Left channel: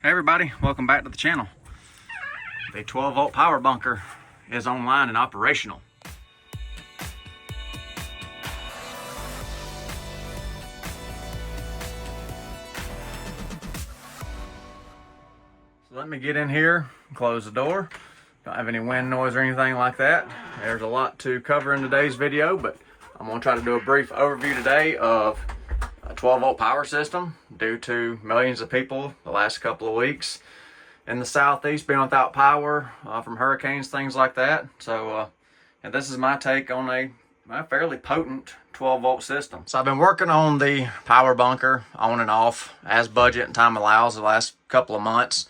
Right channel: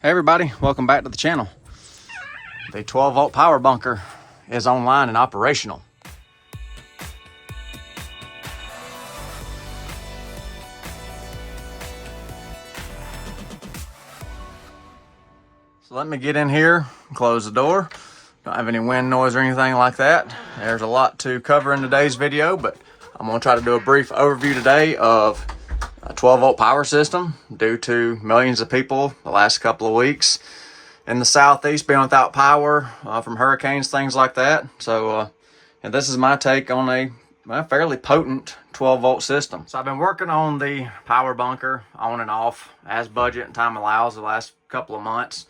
Hey everybody, welcome back to the channel. The 12 volt power bunker is online and operational. So let me get in here and close the door. Don't have any wind noise or anything like that. There's a lot to cover in today's video, but I'm gonna try to do a brief overview today of a 12 volt power system due to millions of people the last couple of weeks in the southeast being without power from hurricanes, things like that. So and this is my take on a fairly potent 12 volt system. So I've been working on the power bunker on and off as budget and time allows the last couple of months.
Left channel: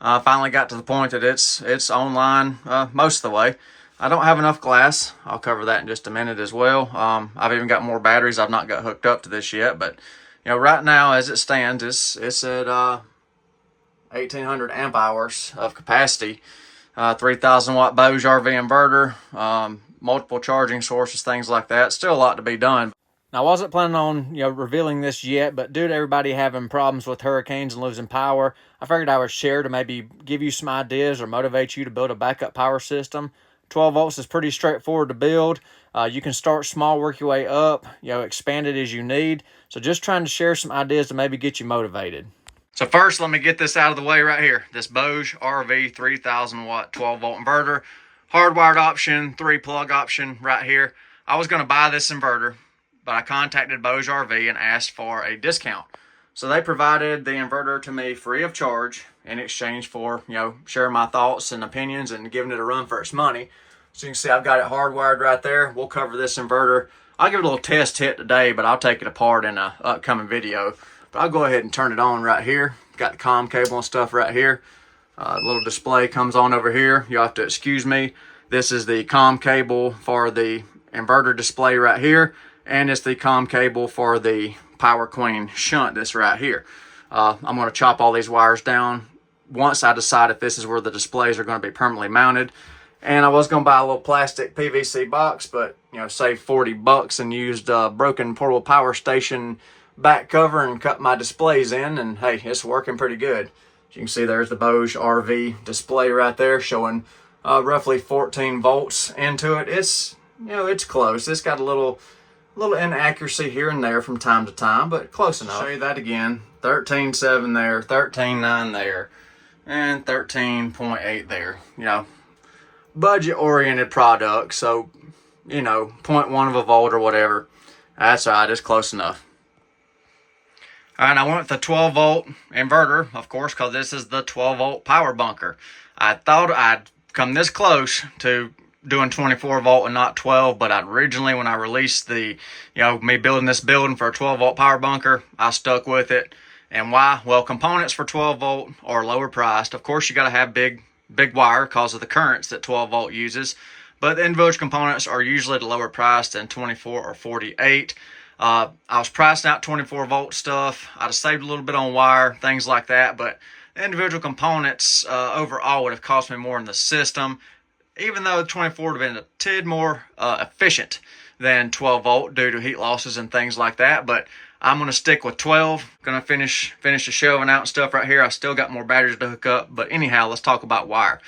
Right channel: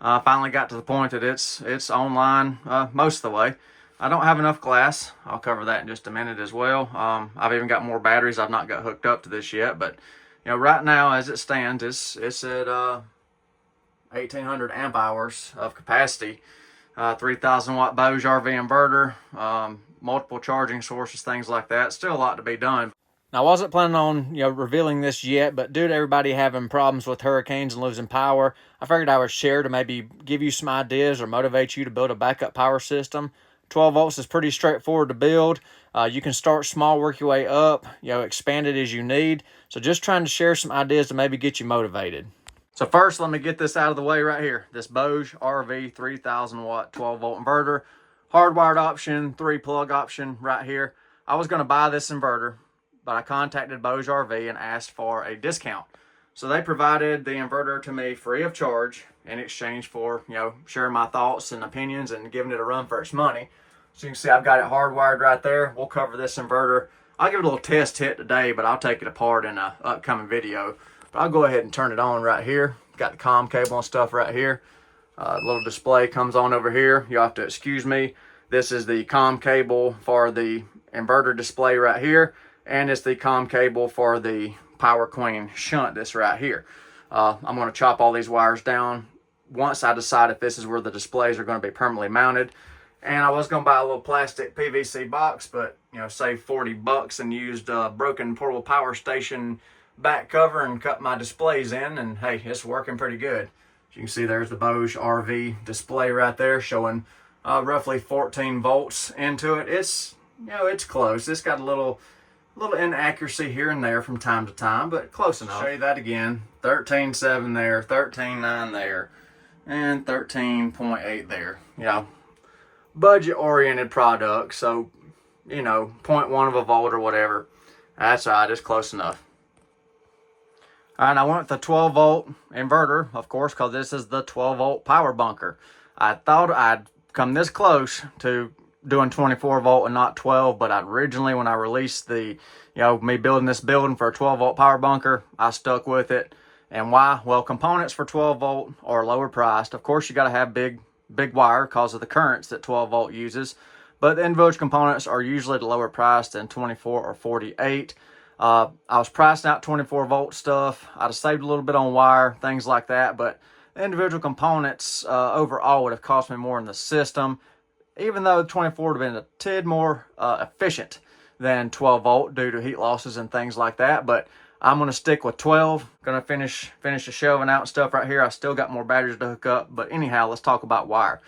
Finally got to the point that it's online most of the way. I don't have enough glass. I'll cover that in just a minute as well. I've even got more batteries. I've not got hooked up to this yet, but you know, right now as it stands, it's at 1800 amp hours of capacity, 3000 watt BougeRV inverter, multiple charging sources, things like that. Still a lot to be done. Now, I wasn't planning on revealing this yet, but due to everybody having problems with hurricanes and losing power, I figured I would share to maybe give you some ideas or motivate you to build a backup power system. 12 volts is pretty straightforward to build. You can start small, work your way up, expand it as you need. So just trying to share some ideas to maybe get you motivated. So first, let me get this out of the way right here. This BougeRV 3000 watt 12 volt inverter, hardwired option, 3-plug option right here. I was going to buy this inverter, but I contacted BougeRV and asked for a discount. So they provided the inverter to me free of charge in exchange for, sharing my thoughts and opinions and giving it a run for its money. So you can see I've got it hardwired right there. We'll cover this inverter. I'll give it a little test hit today, but I'll take it apart in an upcoming video. But I'll go ahead and turn it on right here. Got the comm cable and stuff right here. Little display comes on over here. You'll have to excuse me. This is the comm cable for the inverter display right here. And it's the comm cable for the Power Queen shunt that's right here. I'm going to chop all these wires down once I decide if this is where the displays are going to be permanently mounted. And I was going to buy a little plastic PVC box, but save 40 bucks and used broken portable power station back cover and cut my displays in, and hey, it's working pretty good. As you can see, there's the BougeRV display right there showing roughly 14 volts into it. It's it's close. It's got a little inaccuracy here and there from time to time, but close enough. Show you that again. 13.7 there, 13.9 there, and 13.8 there. Budget oriented product, so 0.1 of a volt or whatever. That's all right, it's close enough. All right, I went with the 12 volt inverter, of course, because this is the 12 volt power bunker. I thought I'd come this close to doing 24 volt and not 12, but originally when I released the, me building this building for a 12 volt power bunker, I stuck with it. And why? Well, components for 12 volt are lower priced. Of course, you got to have big wire because of the currents that 12 volt uses, but the individual components are usually the lower priced than 24 or 48. I was pricing out 24 volt stuff. I'd have saved a little bit on wire, things like that, but the individual components overall would have cost me more in the system, even though 24 would have been a tid more efficient than 12 volt due to heat losses and things like that. But I'm going to stick with 12. Going to finish the shelving out and stuff right here. I still got more batteries to hook up, but anyhow, let's talk about wire.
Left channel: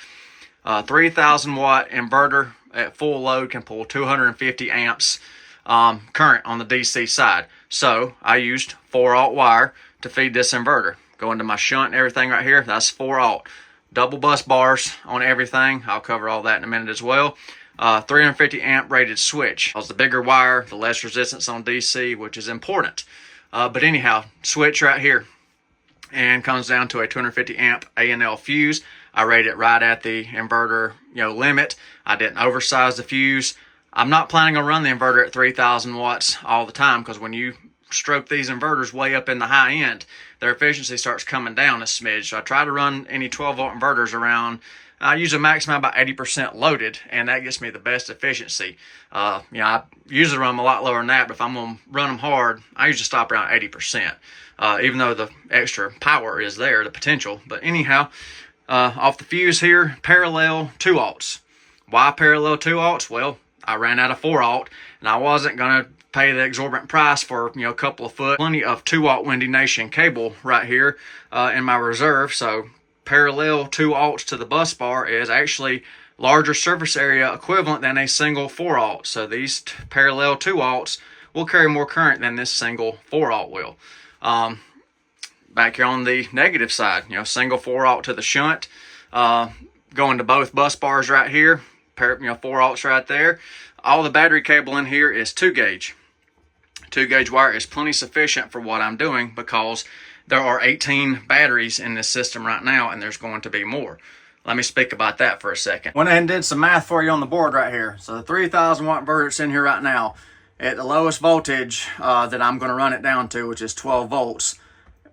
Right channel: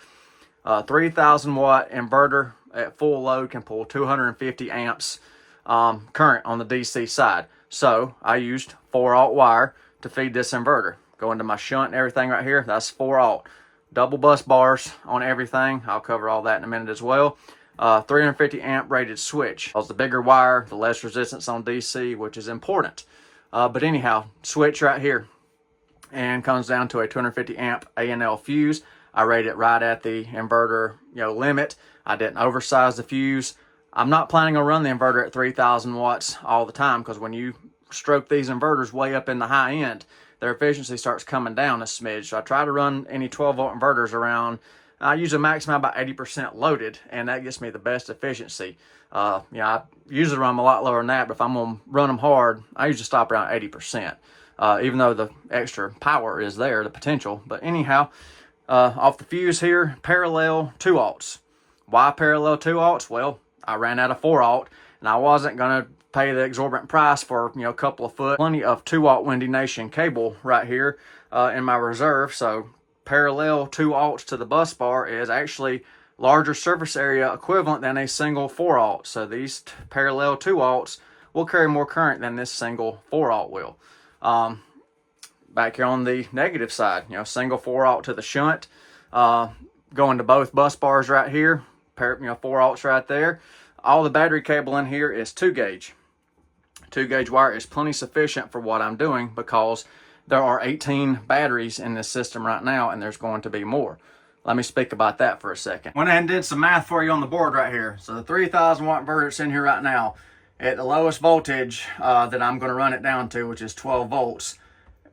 3000 watt inverter at full load can pull 250 amps current on the DC side. So I used 4-aught wire to feed this inverter. Go into my shunt and everything right here. That's 4-aught. Double bus bars on everything. I'll cover all that in a minute as well. 350 amp rated switch. Because the bigger wire, the less resistance on DC, which is important. But anyhow, switch right here. And comes down to a 250 amp A&L fuse. I rated it right at the inverter limit. I didn't oversize the fuse. I'm not planning on running the inverter at 3000 watts all the time, because when you stroke these inverters way up in the high end, their efficiency starts coming down a smidge. So I try to run any 12 volt inverters around, I usually maximum about 80% loaded, and that gets me the best efficiency. I usually run them a lot lower than that, but if I'm going to run them hard, I usually stop around 80%, even though the extra power is there, the potential. But anyhow, off the fuse here, parallel 2-aughts. Why parallel 2-aughts? Well, I ran out of 4-aught, and I wasn't going to pay the exorbitant price for, you know, a couple of foot. Plenty of 2-aught Windy Nation cable right here in my reserve. So parallel 2-aughts to the bus bar is actually larger surface area equivalent than a single 4-aught. So these parallel 2-aughts will carry more current than this single 4-aught will. Back here on the negative side, you know, single 4-aught to the shunt, going to both bus bars right here, you know, 4-aughts right there. All the battery cable in here is 2-gauge. 2-gauge wire is plenty sufficient for what I'm doing because there are 18 batteries in this system right now, and there's going to be more. Let me speak about that for a second. Went ahead and did some math for you on the board right here. So the 3,000 watt inverter that's in here right now, at the lowest voltage that I'm going to run it down to, which is 12 volts,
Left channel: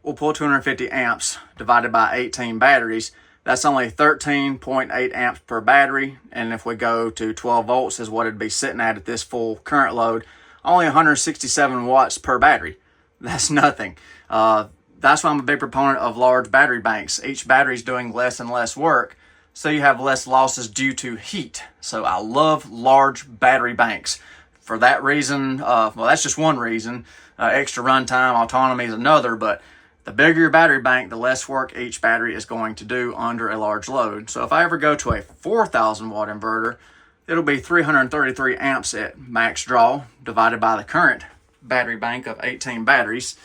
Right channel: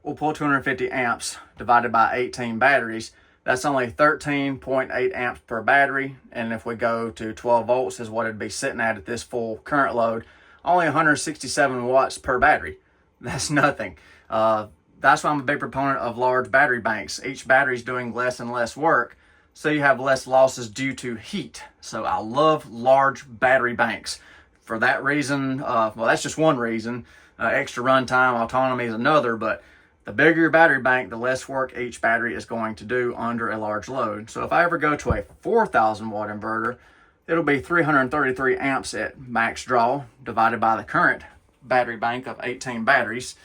we'll pull 250 amps divided by 18 batteries. That's only 13.8 amps per battery. And if we go to 12 volts is what it'd be sitting at this full current load, only 167 watts per battery. That's nothing. That's why I'm a big proponent of large battery banks. Each battery is doing less and less work, so you have less losses due to heat. So I love large battery banks. For that reason, well, that's just one reason. Extra runtime, autonomy is another, but the bigger your battery bank, the less work each battery is going to do under a large load. So if I ever go to a 4,000 watt inverter, it'll be 333 amps at max draw divided by the current battery bank of 18 batteries.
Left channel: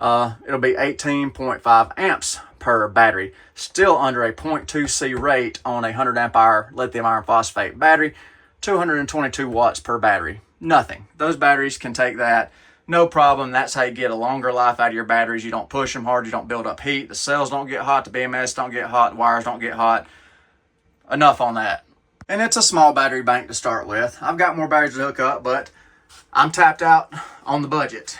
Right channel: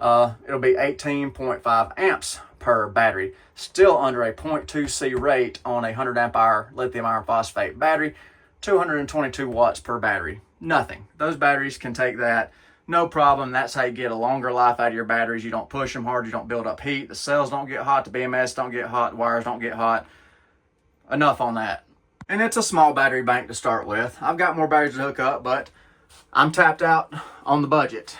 It'll be 18.5 amps per battery, still under a 0.2C rate on a 100 amp hour lithium iron phosphate battery, 222 watts per battery. Nothing. Those batteries can take that, no problem. That's how you get a longer life out of your batteries. You don't push them hard, you don't build up heat, the cells don't get hot, the BMS don't get hot, the wires don't get hot. Enough on that. And it's a small battery bank to start with. I've got more batteries to hook up, but I'm tapped out on the budget.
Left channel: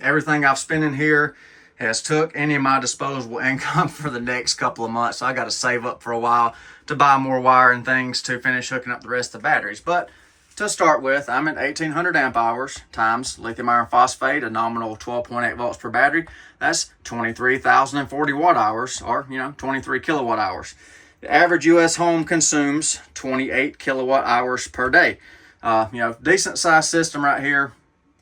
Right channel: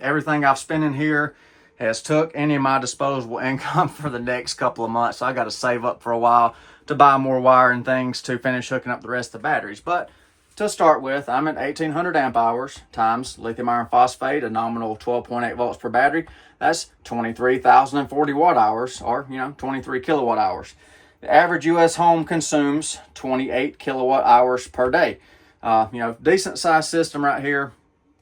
Everything I've spent in here has took any of my disposable income for the next couple of months. So I got to save up for a while to buy more wire and things to finish hooking up the rest of the batteries. But to start with, I'm at 1800 amp hours times lithium iron phosphate, a nominal 12.8 volts per battery. That's 23,040 watt hours, or, you know, 23 kilowatt hours. The average U.S. home consumes 28 kilowatt hours per day. You know, decent size system right here.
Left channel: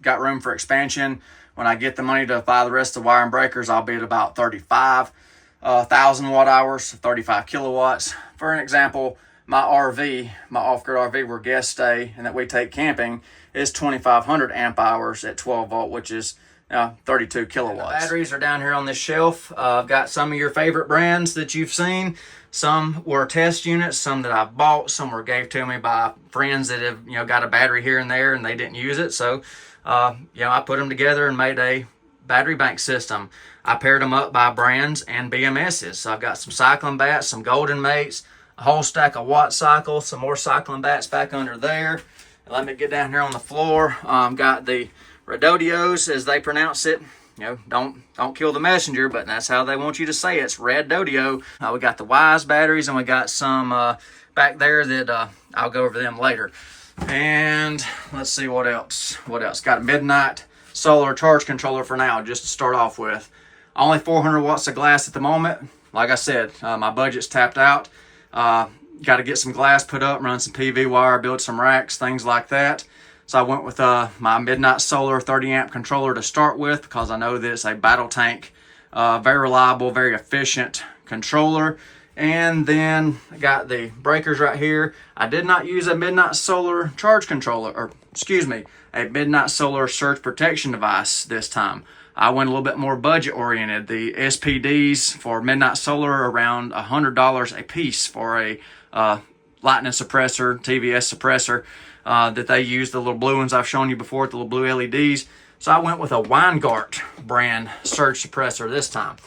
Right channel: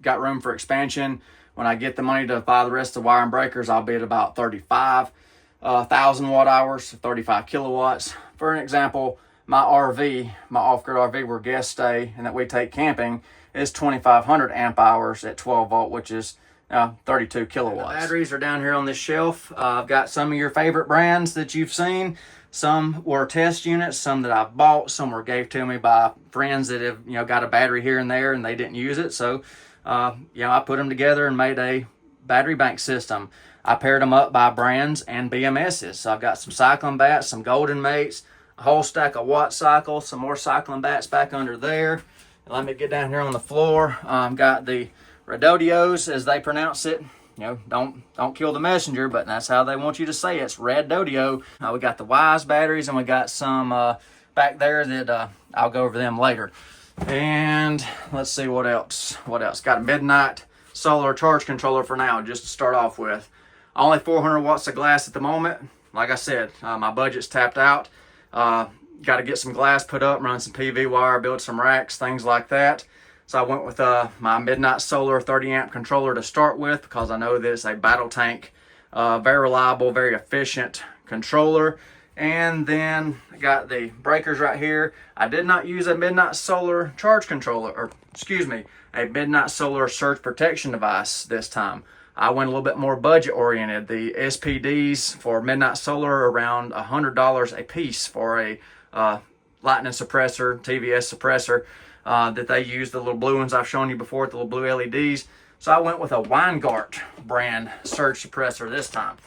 Got room for expansion. When I get the money to buy the rest of the wire and breakers, I'll be at about 35,000 watt hours, 35 kilowatts. For an example, my RV, my off-grid RV where guests stay and that we take camping, is 2,500 amp hours at 12 volt, which is 32 kilowatts. The batteries are down here on this shelf. I've got some of your favorite brands that you've seen. Some were test units, some that I've bought, some were gave to me by friends that have, you know, got a battery here and there and they didn't use it. So, you know, I put them together and made a battery bank system. I paired them up by brands and BMSs. So I've got some cycling bats, some golden mates, a whole stack of watt cycles, some more cycling bats back under there. Let me get down here on the floor. Got the Redodios, as they pronounce it. You know, don't kill the messenger, but that's how they want you to say it. It's Redodio. We got the Wise batteries, and we got some back there that I'll go over them later. And let's see what else. Got a Midnight solar charge controller for now, just to start off with. Only 400 watts of glass at the moment. Like I said, my budget's tapped out. Got to get some glass put up, run some PV wire, build some racks, things like that. So I went with my Midnight Solar 30 amp controller to start with because I know that it's a battle tank, very reliable, very efficient controller. And then I got the breakers right here. I did not use a Midnight Solar charge controller, or excuse me, a Midnight Solar surge protection device this time. I went a little bit more budget oriented. The SPDs for Midnight Solar are around $100 a piece for a lightning suppressor, TVS suppressor that they use, the little blue ones I've shown you before, the little blue LEDs. So I went with a Weingart brand surge suppressor this time.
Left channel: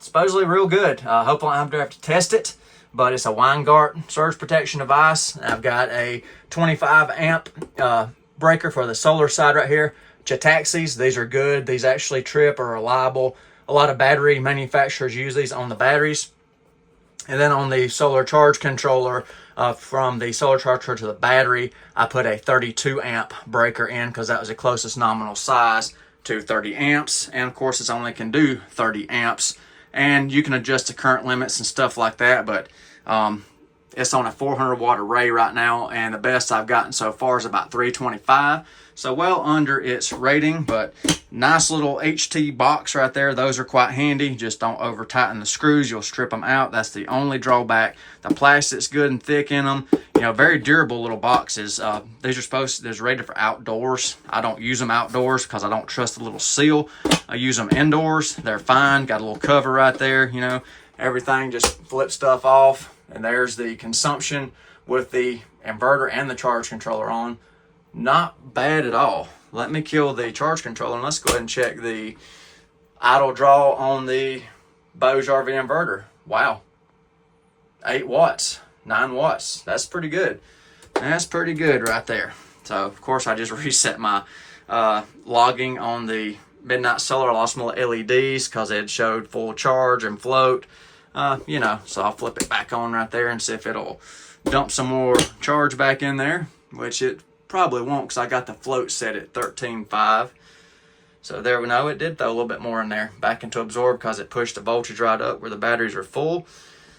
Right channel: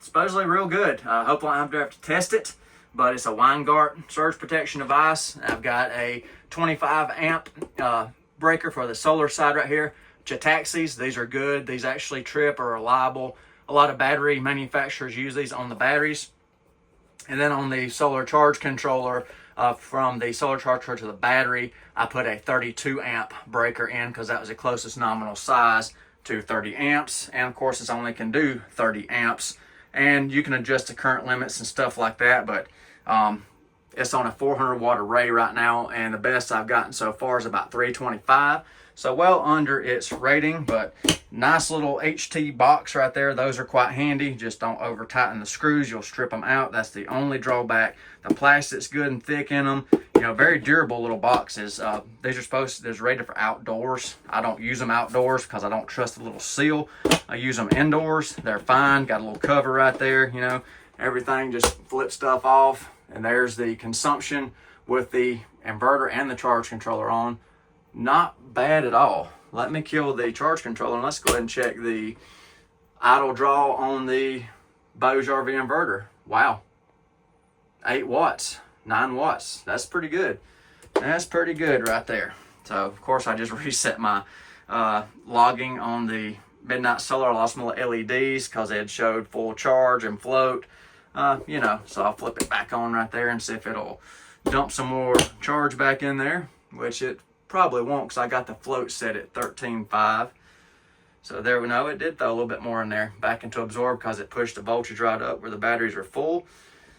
Supposedly real good. Hopefully I don't have to test it, but it's a Weingart surge protection device. I've got a 25 amp breaker for the solar side right here. Chitaxis, these are good. These actually trip, are reliable. A lot of battery manufacturers use these on the batteries. And then on the solar charge controller, from the solar charger to the battery, I put a 32 amp breaker in because that was the closest nominal size to 30 amps. And of course, it only can do 30 amps. And you can adjust the current limits and stuff like that. But it's on a 400 watt array right now. And the best I've gotten so far is about 325. So well under its rating, but nice little HT box right there. Those are quite handy. Just don't over tighten the screws. You'll strip them out. That's the only drawback. The plastic's good and thick in them. You know, very durable little boxes. These are rated for outdoors. I don't use them outdoors because I don't trust the little seal. I use them indoors. They're fine. Got a little cover right there, you know. Everything just flip stuff off. And there's the consumption with the inverter and the charge controller on. Not bad at all. Let me kill the charge controller and let's go ahead and check the idle draw on the BougeRV inverter. Wow. 8 watts, 9 watts. That's pretty good. That's pretty good right there. So, of course, I just reset my logging on the midnight solar. I lost my LEDs because it showed full charge and float. You know, so I'll flip it back on right there and see if it'll dump some more charge back in there, which it probably won't because I got the float set at 13.5. So there we know it did throw a little bit more in there back into absorb because it pushed the voltage right up where the batteries are full.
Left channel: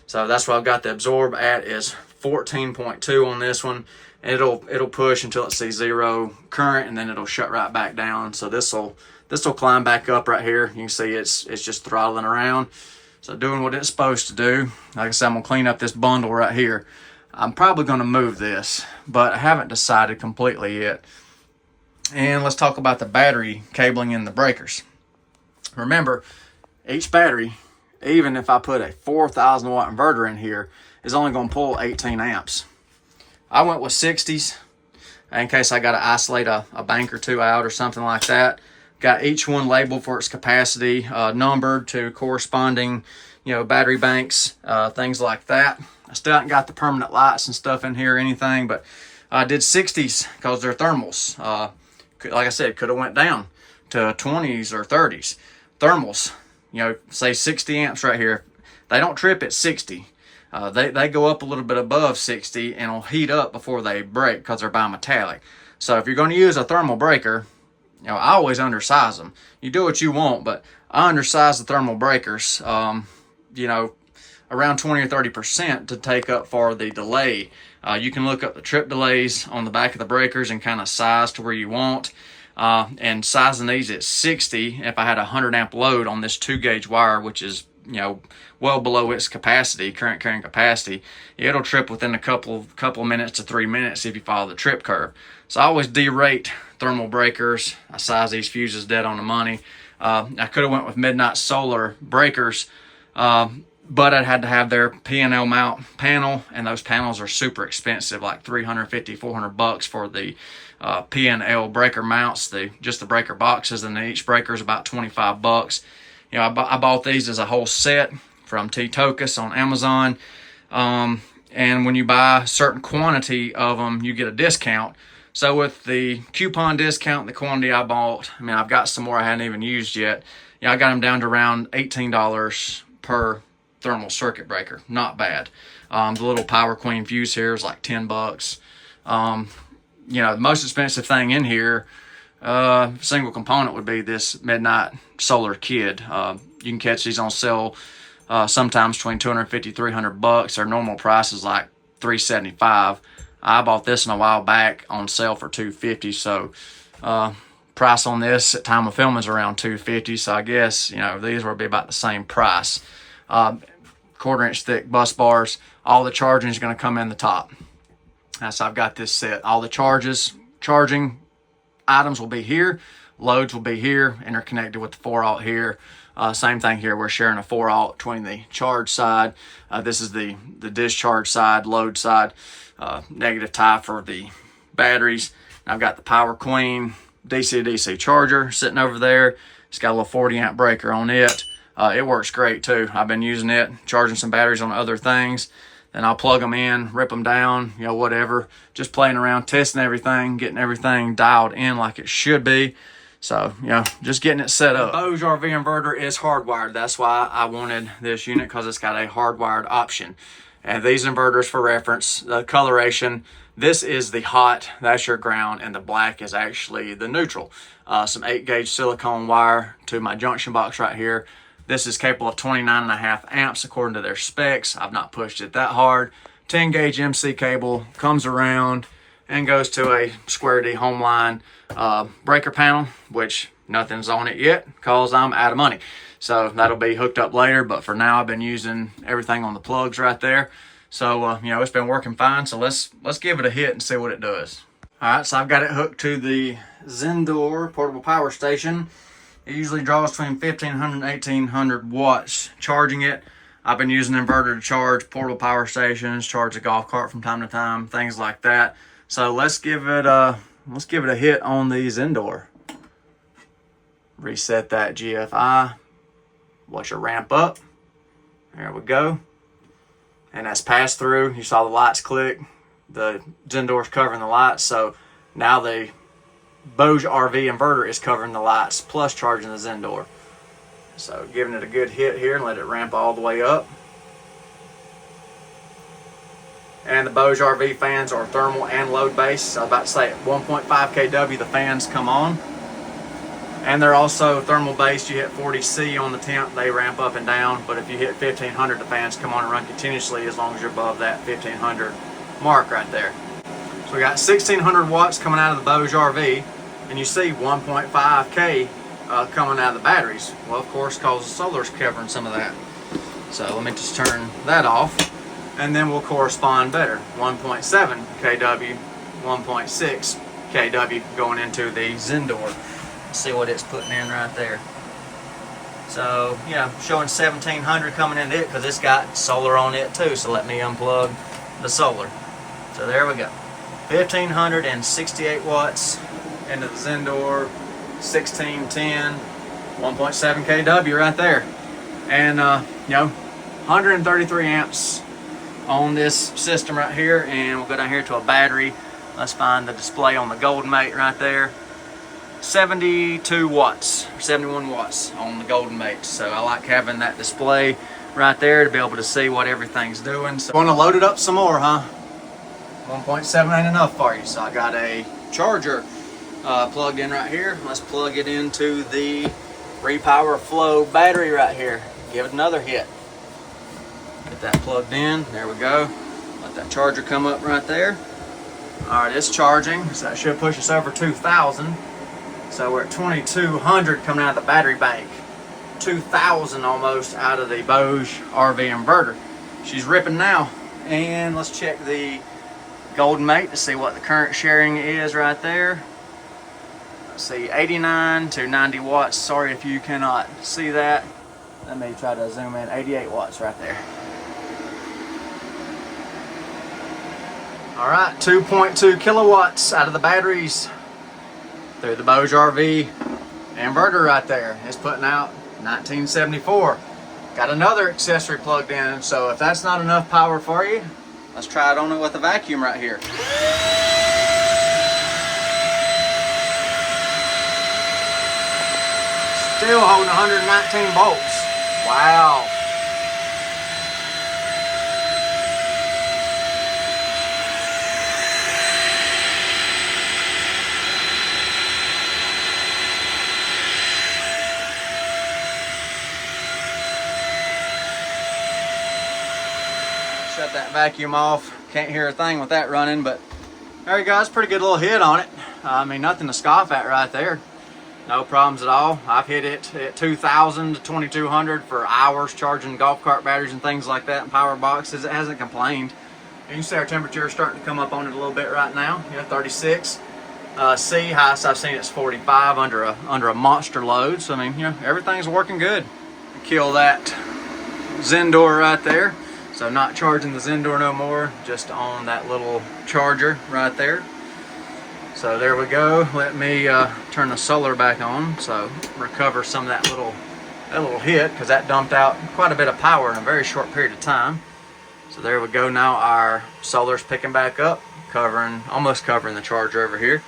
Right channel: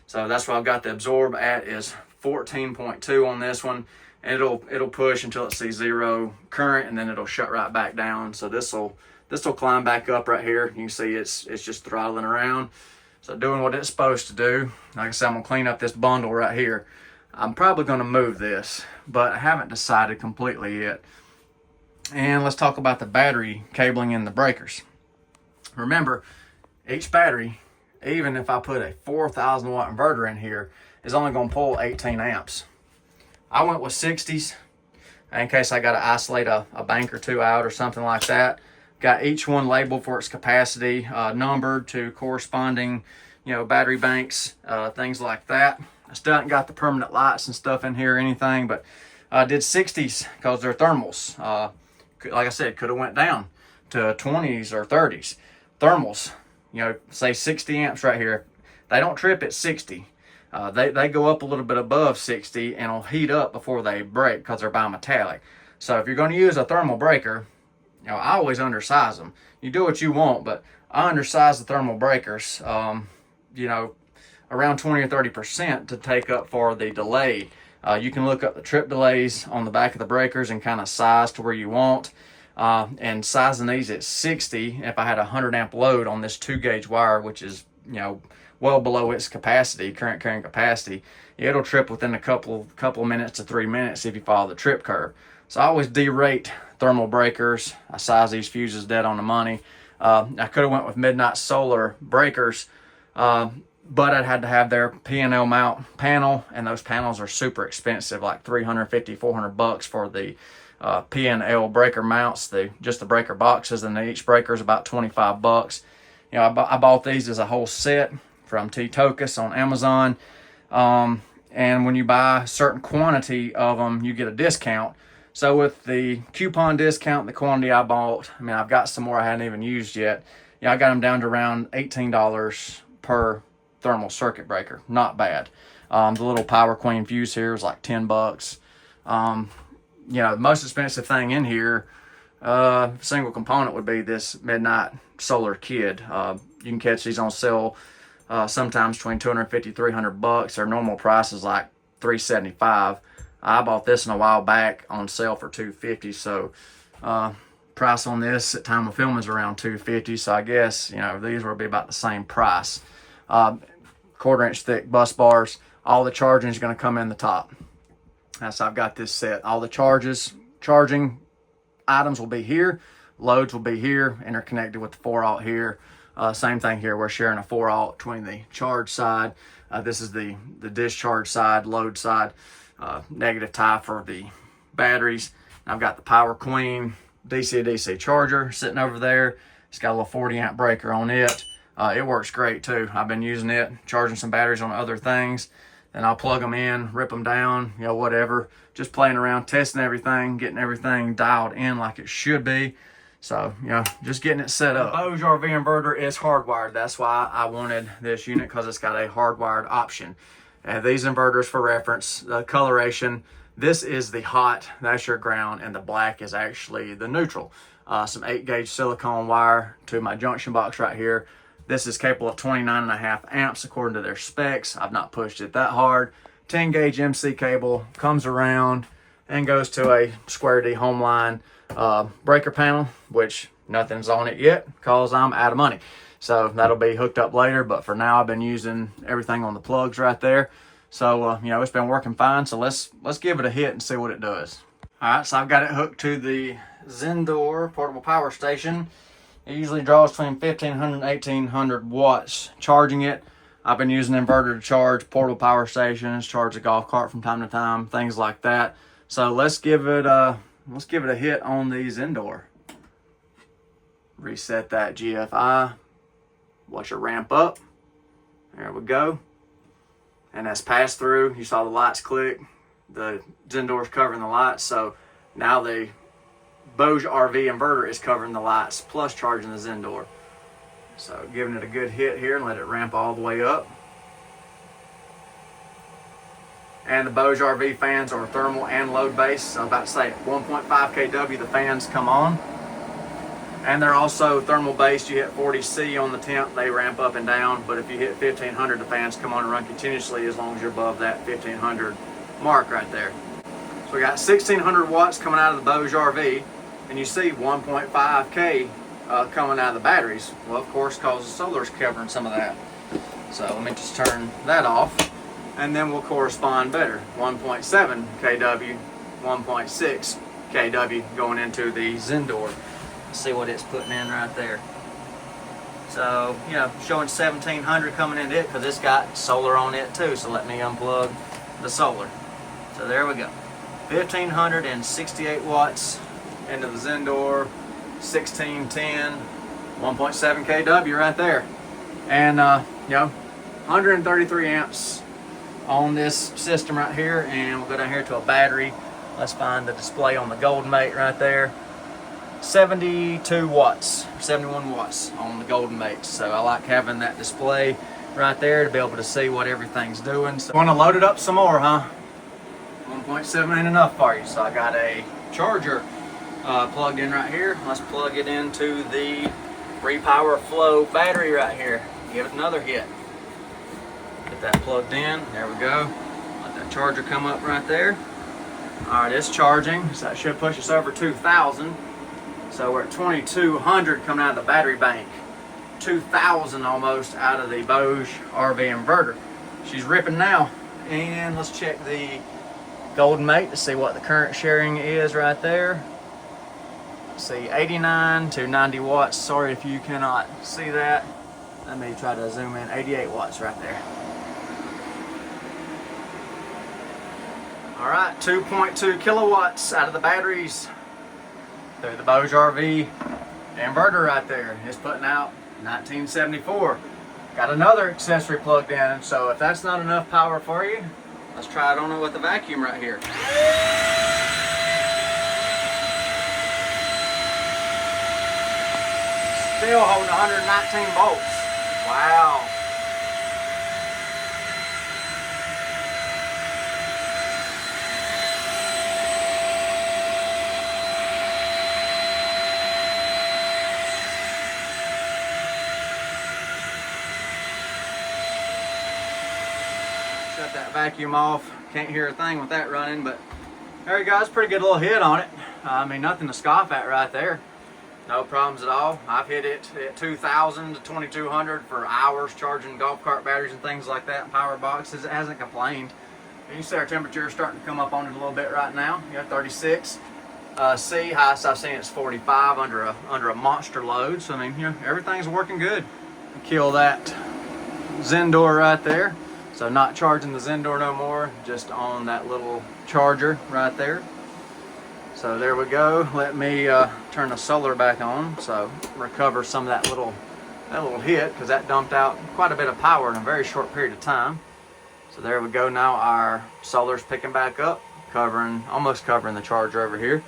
So that's what I've got the absorb at is 14.2 on this one. It'll push until it sees 0 current and then it'll shut right back down. So this'll climb back up right here. You can see it's just throttling around. So doing what it's supposed to do. Like I said, I'm gonna clean up this bundle right here. I'm probably gonna move this, but I haven't decided completely yet. And let's talk about the battery cabling in the breakers. Remember, each battery, even if I put a 4,000 watt inverter in here, is only gonna pull 18 amps. I went with 60s in case I gotta isolate a bank or two out or something like that. Got each one labeled for its capacity, numbered to corresponding, you know, battery banks, things like that. I still haven't got the permanent lights and stuff in here or anything, but I did 60s because they're thermals. Like I said, could have went down to 20s or 30s. Thermals, you know, say 60 amps right here. They don't trip at 60. They go up a little bit above 60 and will heat up before they break because they're bimetallic. So if you're going to use a thermal breaker, you know, I always undersize them. You do what you want, but I undersize the thermal breakers, you know, around 20 or 30% to take up for the delay. You can look up the trip delays on the back of the breakers and kind of size to where you want. And sizing these at 60, if I had a 100 amp load on this 2-gauge wire, which is, you know, well below its capacity, current carrying capacity, it'll trip within a couple of minutes to 3 minutes if you follow the trip curve. So I always derate thermal breakers. I size these fuses dead on the money. I could have went with midnight solar breakers, but I'd had to have their P&L mount panel, and those panels are super expensive, like $350, $400 for the P&L breaker mounts, just the breaker boxes, and each breaker is about $25. You know, I bought these as a whole set from T-Tocus on Amazon, and when you buy a certain quantity of them, you get a discount. So with the coupon discount, the quantity I bought, I mean, I've got some more I hadn't even used yet. You know, I got them down to around $18 per thermal circuit breaker. Not bad. The little Power Queen fuse here is like $10. You know, the most expensive thing in here, single component, would be this midnight solar kid. You can catch these on sale sometimes between $250, $300. Their normal price is like $375. I bought this in a while back on sale for $250. So price on this at time of film is around $250. So I guess, you know, these will be about the same price. 1/4-inch thick bus bars. All the charging is going to come in the top. So I've got this set. All the charging items will be here. Loads will be here, interconnected with the 4-aught here. Same thing here. We're sharing a 4-aught between the charge side. This is the discharge side, load side. Negative tie for the batteries. And I've got the Power Queen DC to DC charger sitting over there. It's got a little 40 amp breaker on it. It works great too. I've been using it, charging some batteries on other things. Then I'll plug them in, rip them down, you know, whatever. Just playing around, testing everything, getting everything dialed in like it should be. So, you know, just getting it set up. The BougeRV inverter is hardwired. That's why I wanted this unit, because it's got a hardwired option. And these inverters, for reference, the coloration, this is the hot, that's your ground, and the black is actually the neutral. Some 8-gauge silicone wire to my junction box right here. This is capable of 29.5 amps according to their specs. I've not pushed it that hard. 10-gauge MC cable comes around and goes to a square D home line. breaker panel, which nothing's on it yet because I'm out of money. So that'll be hooked up later, but for now I've been using everything on the plugs right there. So, you know, it's been working fine. So let's give it a hit and see what it does. All right, so I've got it hooked to the Zendor portable power station. It usually draws between 1500 and 1800 watts charging it. I've been using an inverter to charge portable power stations, charge a golf cart from time to time, things like that. So let's give it a hit on the Zendor. Reset that GFI. Watch it ramp up. There we go. And that's passed through. You saw the lights click. The Zendor's covering the lights. So now the BougeRV inverter is covering the lights plus charging the Zendor. So giving it a good hit here and let it ramp all the way up. And the BougeRV fans are thermal and load based. So I was about to say at 1.5 kW the fans come on. And they're also thermal based. You hit 40C on the temp, they ramp up and down. But if you hit 1500, the fans come on and run continuously as long as you're above that 1500 mark right there. So we got 1600 watts coming out of the BougeRV, and you see 1.5K coming out of the batteries. Well, of course, because the solar's covering some of that. So let me just turn that off, and then we'll correspond better. 1.7 kW, 1.6 kW going into the Zendor. See what it's putting in right there. So, you know, showing 1700 coming into it because it's got solar on it too. So let me unplug the solar. So there we go. 1568 watts into the Zendor, 1610, 1.7 kW right there. And, you know, 133 amps on this system right here. And we'll go down here to a battery. Let's find the display on the Golden Mate right there. 72 watts, 71 watts on the Golden Mate. So I like having that display right there to be able to see what everything's doing. So I want to load it up some more, huh? 1.7 ain't enough for you. So I got a charger plugged in right here. Let's plug it into the Repower Flow battery right here. Give it another hit. Get that plugged in. There we go. Let that charger come up right there. All right, it's charging. So that should push us over 2,000. So we're at 2200 coming out of the battery bank. 2000 almost out of the BougeRV inverter. She's ripping now. And let's check the Golden Mate to see what the current sharing is right there. Let's see, 89 to 90 watts. Sorry if you cannot see that. Let me try to zoom in. 88 watts right there. All right, 2.2 kilowatts out of the batteries through the BougeRV inverter right there. It's putting out 1974. Got another accessory plugged in, so if that's not enough power for you, let's try it on it with a vacuum right here. Still holding 119 volts. Wow. Shut that vacuum off. Can't hear a thing with that running, but there you go. It's a pretty good little hit on it. I mean, nothing to scoff at right there. No problems at all. I've hit it at 2,000 to 2,200 for hours charging golf cart batteries and things like that, and power boxes. It hasn't complained. You can see our temperature is starting to come up on it a little bit right now. You know, 36. C, highest I've seen it's 45 under a monster load. So I mean, you know, everything's working good. Kill that Zendor right there. So not charging the Zendor no more, just on that little charger right there. So there we go. Let me turn the solar back on, so recover some of that little hit, because that dumped out quite a bit of power in a very short period of time. So there we go. Now our solar's picking back up, almost covering the charger over here.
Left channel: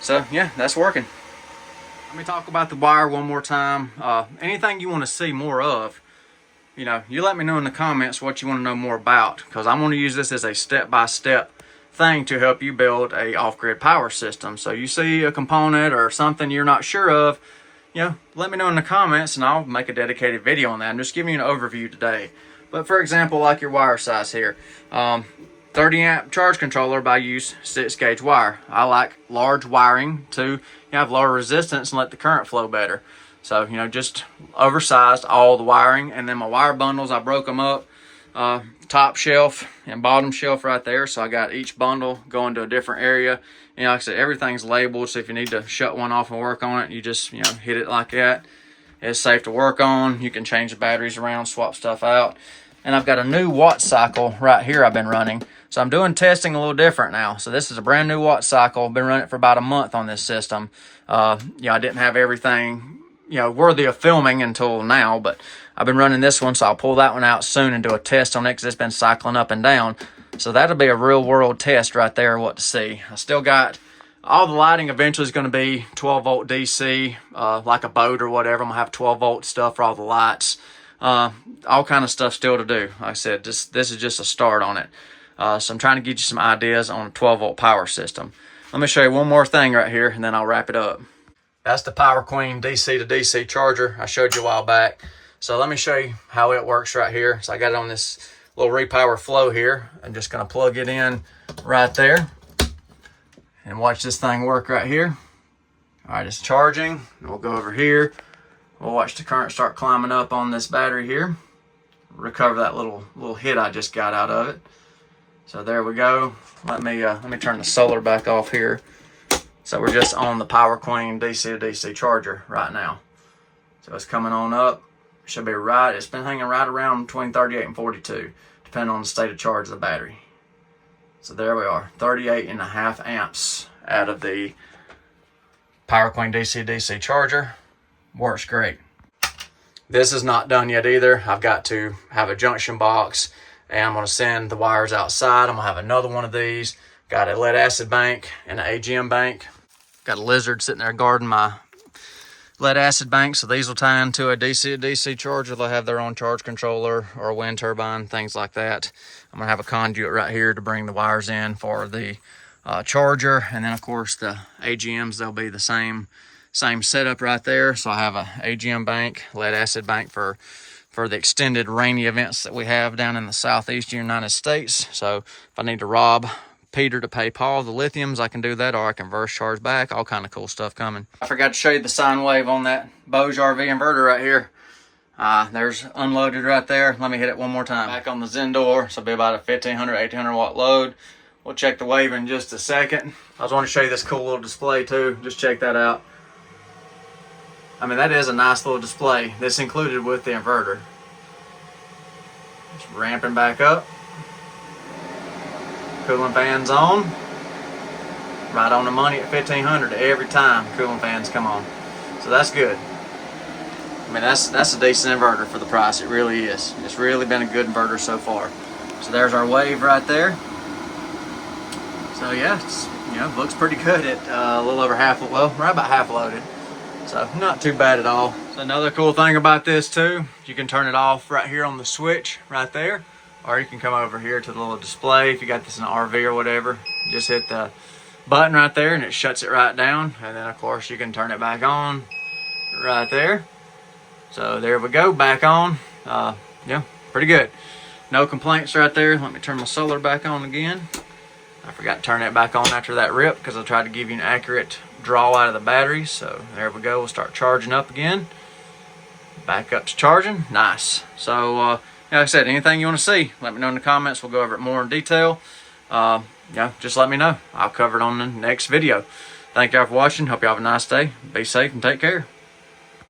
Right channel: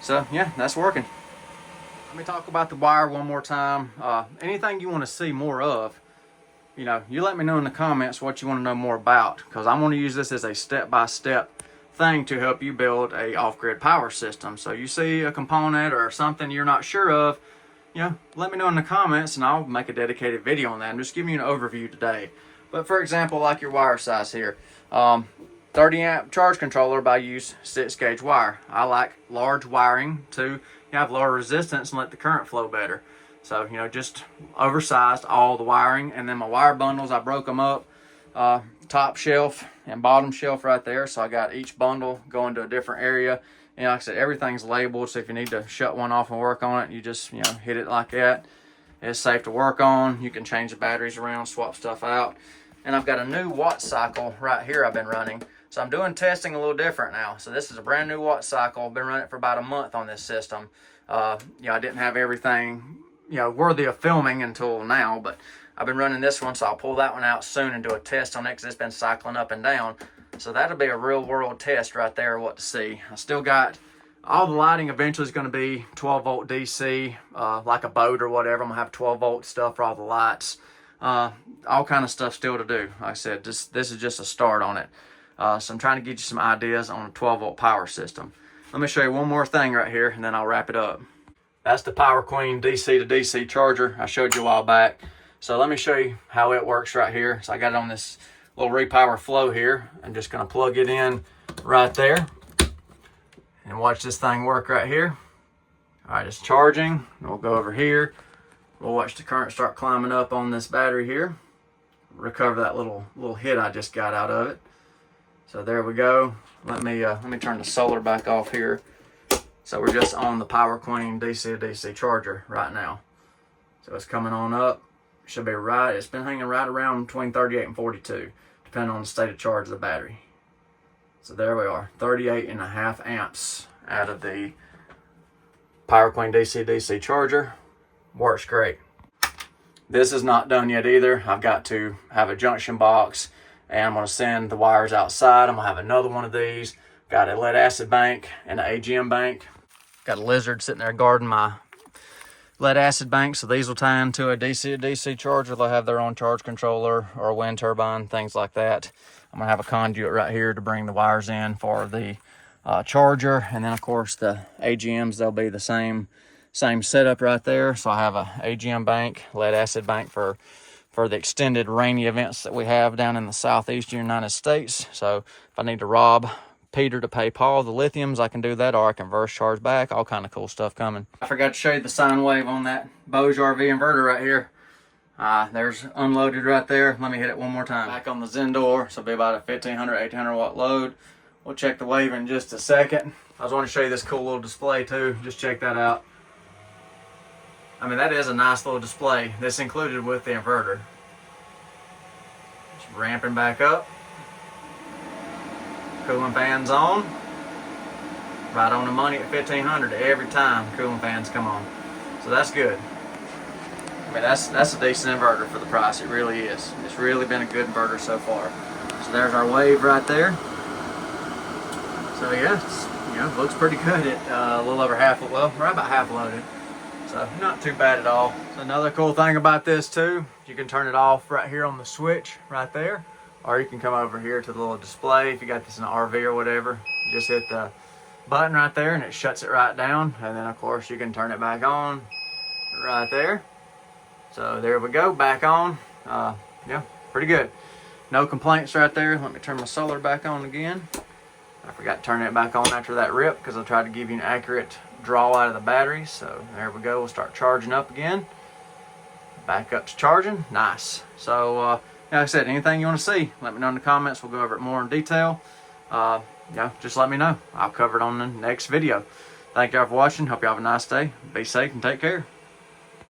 So yeah, that's working. Let me talk about the wire one more time. Anything you want to see more of, you know, you let me know in the comments what you want to know more about, because I'm going to use this as a step-by-step thing to help you build a off-grid power system. So you see a component or something you're not sure of, you know, let me know in the comments and I'll make a dedicated video on that. I'm just giving you an overview today. But for example, like your wire size here, 30 amp charge controller, but I use 6-gauge wire. I like large wiring to have lower resistance and let the current flow better. So, just oversized all the wiring. And then my wire bundles, I broke them up, top shelf and bottom shelf right there. So I got each bundle going to a different area. And like I said, everything's labeled. So if you need to shut one off and work on it, you just, hit it like that. It's safe to work on. You can change the batteries around, swap stuff out. And I've got a new watt cycle right here I've been running. So I'm doing testing a little different now. So this is a brand new watt cycle. I've been running it for about a month on this system. I didn't have everything, worthy of filming until now, but I've been running this one, so I'll pull that one out soon and do a test on it because it's been cycling up and down. So that'll be a real world test right there, what to see. I still got all the lighting eventually is going to be 12 volt DC, like a boat or whatever. I'm going to have 12 volt stuff for all the lights. All kind of stuff still to do. Like I said, this is just a start on it. So I'm trying to get you some ideas on a 12 volt power system. Let me show you one more thing right here and then I'll wrap it up. That's the Power Queen DC to DC charger I showed you a while back. So let me show you how it works right here. So I got it on this little repower flow here. I'm just going to plug it in right there and watch this thing work right here. All right, it's charging. We'll go over here. We'll watch the current start climbing up on this battery here. Recover that little hit I just got out of it. So there we go. Let me turn the solar back off here. So we're just on the Power Queen DC to DC charger right now. So it's coming on up. Should be right. It's been hanging right around between 38 and 42, depending on the state of charge of the battery. So there we are, 38.5 amps out of the Power Queen DC DC charger. Works great. This is not done yet either. I've got to have a junction box and I'm going to send the wires outside. I'm going to have another one of these. Got a lead acid bank and an AGM bank. Got a lizard sitting there guarding my lead acid bank, so these will tie into a DC to DC charger. They'll have their own charge controller or a wind turbine, things like that. I'm going to have a conduit right here to bring the wires in for the charger, and then of course the AGMs, they'll be the same setup right there. So I have a AGM bank, lead acid bank for the extended rainy events that we have down in the southeast United States. So if I need to rob Peter to pay Paul the lithiums, I can do that, or I can reverse charge back. All kind of cool stuff coming. I forgot to show you the sine wave on that BougeRV inverter right here. There's unloaded right there. Let me hit it one more time. Back on the Zendor, so it'll be about a 1500, 1800 watt load. We'll check the wave in just a second. I just want to show you this cool little display too. Just check that out. I mean, that is a nice little display. This included with the inverter. Just ramping back up. Cooling fans on. Right on the money at 1500 every time cooling fans come on. So that's good. I mean, that's a decent inverter for the price. It really is. It's really been a good inverter so far. So there's our wave right there. So yeah, it looks pretty good at a little over half, well, right about half loaded. So not too bad at all. So another cool thing about this too, you can turn it off right here on the switch right there. Or you can come over here to the little display. If you got this in an RV or whatever, just hit the button right there and it shuts it right down. And then of course you can turn it back on right there. So there we go, back on. Yeah, pretty good. No complaints right there. Let me turn my solar back on again. I forgot to turn it back on after that rip because I tried to give you an accurate draw out of the battery. So there we go, we'll start charging up again. Back up to charging, nice. So like I said, anything you want to see, let me know in the comments. We'll go over it more in detail. Just let me know. I'll cover it on the next video. Thank y'all for watching. Hope y'all have a nice day. Be safe and take care.